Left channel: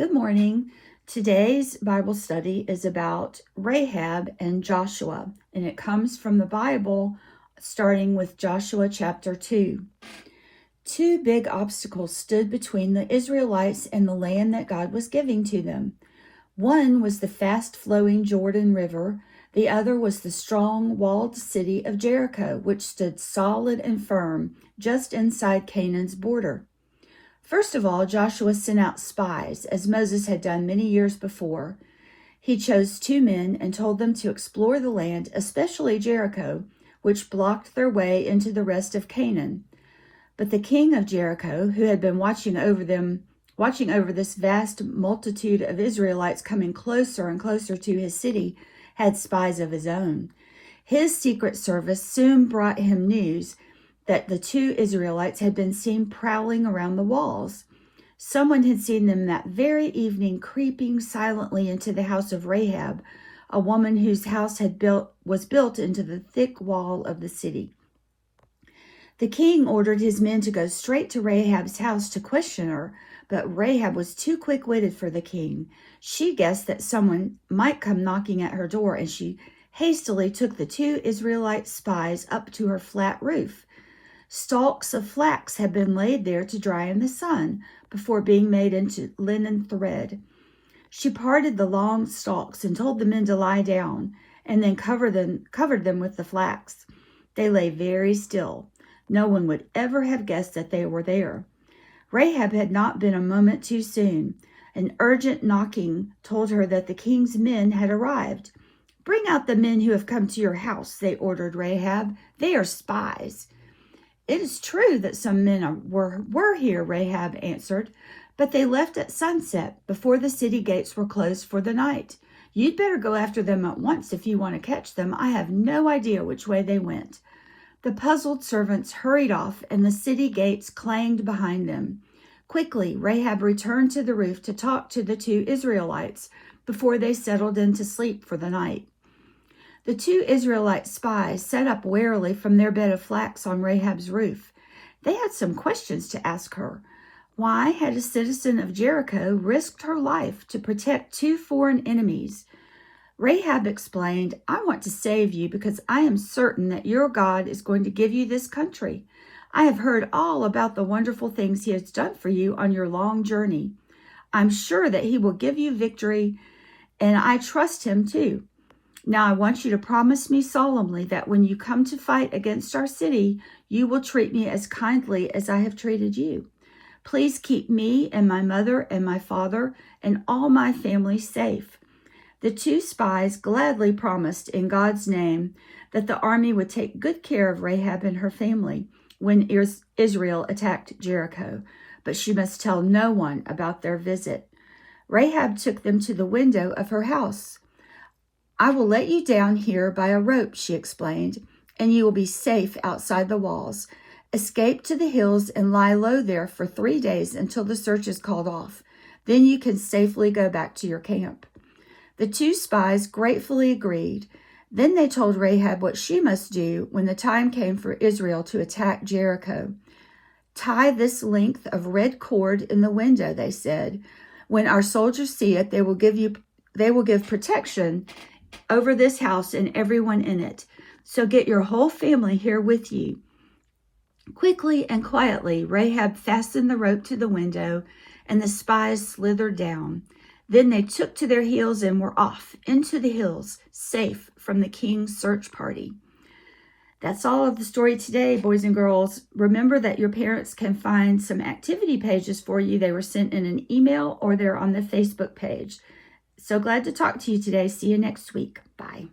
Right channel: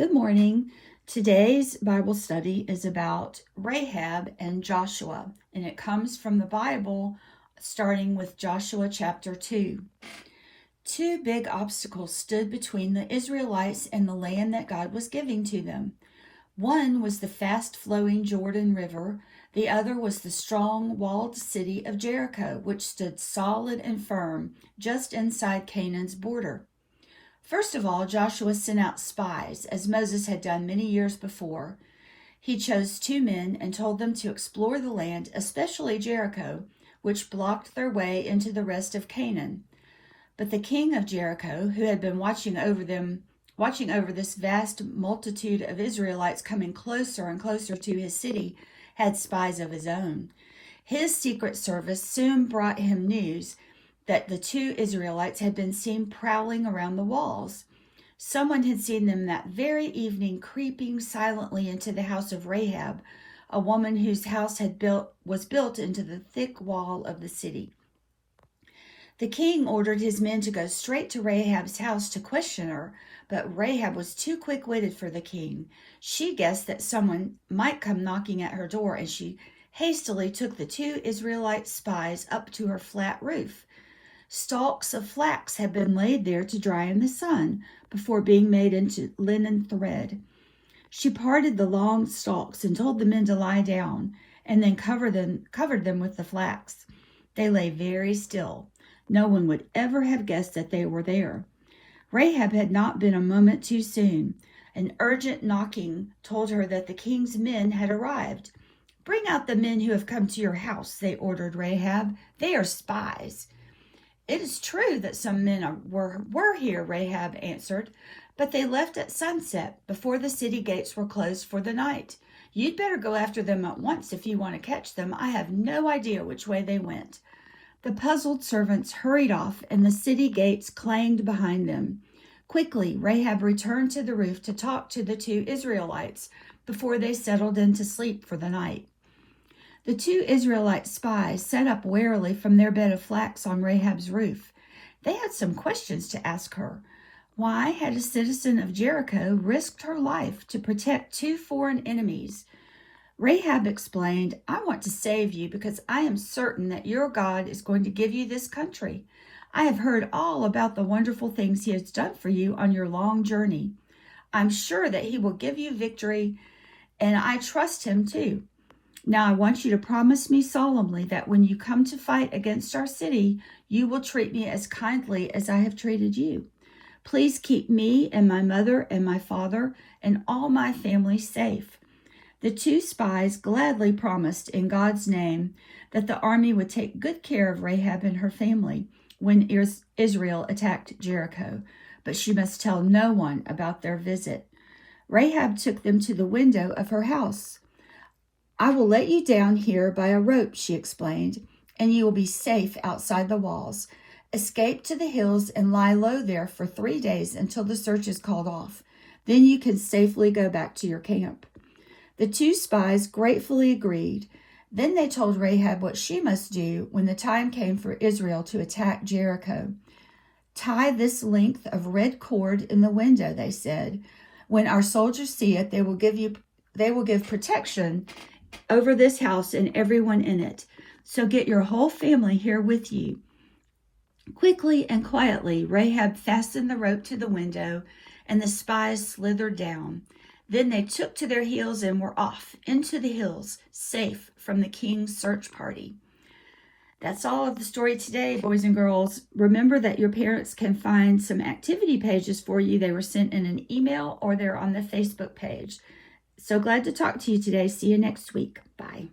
Good morning. Today's Bible study is about Rahab and Joshua, and it comes from the Bible, starting with Joshua chapter 2. Two big obstacles stood between the Israelites and the land that God was giving to them. One was the fast-flowing Jordan River. The other was the strong, walled city of Jericho, which stood solid and firm just inside Canaan's border. First of all, Joshua sent out spies, as Moses had done many years before. He chose 2 men and told them to explore the land, especially Jericho, which blocked their way into the rest of Canaan. But the king of Jericho, who had been watching over this vast multitude of Israelites coming closer and closer to his city, had spies of his own. His secret service soon brought him news that the 2 Israelites had been seen prowling around the walls. Someone had seen them that very evening creeping silently into the house of Rahab, a woman whose house was built into the thick wall of the city. The king ordered his men to go straight to Rahab's house to question her, but Rahab was too quick-witted for the king. She guessed that someone might come knocking at her door, and she hastily took the 2 Israelite spies up to her flat roof. Stalks of flax had been laid there to dry in the sun before being made into linen thread. She parted the long stalks and told the men to lie down, and then covered them with the flax. They lay very still. No one would ever have guessed that they were there. Rahab had not been a moment too soon. An urgent knocking told her that the king's men had arrived. "Bring out the men who have come to your house," they ordered Rahab. "They are spies." "It is true that some men were here," Rahab answered, "but they left at sunset before the city gates were closed for the night. You'd better go after them at once if you want to catch them. I have no idea which way they went." The puzzled servants hurried off, and the city gates clanged behind them. Quickly, Rahab returned to the roof to talk to the 2 Israelites before they settled in to sleep for the night. The 2 Israelite spies sat up warily from their bed of flax on Rahab's roof. They had some questions to ask her. Why had a citizen of Jericho risked her life to protect 2 foreign enemies? Rahab explained, "I want to save you because I am certain that your God is going to give you this country. I have heard all about the wonderful things he has done for you on your long journey. I'm sure that he will give you victory, and I trust him too. Now I want you to promise me solemnly that when you come to fight against our city, you will treat me as kindly as I have treated you. Please keep me and my mother and my father and all my family safe." The 2 spies gladly promised in God's name that the army would take good care of Rahab and her family when Israel attacked Jericho, but she must tell no one about their visit. Rahab took them to the window of her house. "I will let you down here by a rope," she explained, "and you will be safe outside the walls. Escape to the hills and lie low there for 3 days until the search is called off. Then you can safely go back to your camp." The 2 spies gratefully agreed. Then they told Rahab what she must do when the time came for Israel to attack Jericho. "Tie this length of red cord in the window," they said. "When our soldiers see it, they will give protection over this house and everyone in it. So get your whole family here with you." Quickly and quietly, Rahab fastened the rope to the window, and the spies slithered down. Then they took to their heels and were off into the hills, safe from the king's search party. That's all of the story today, boys and girls. Remember that your parents can find some activity pages for you. They were sent in an email or they're on the Facebook page. So glad to talk to you today. See you next week. Bye.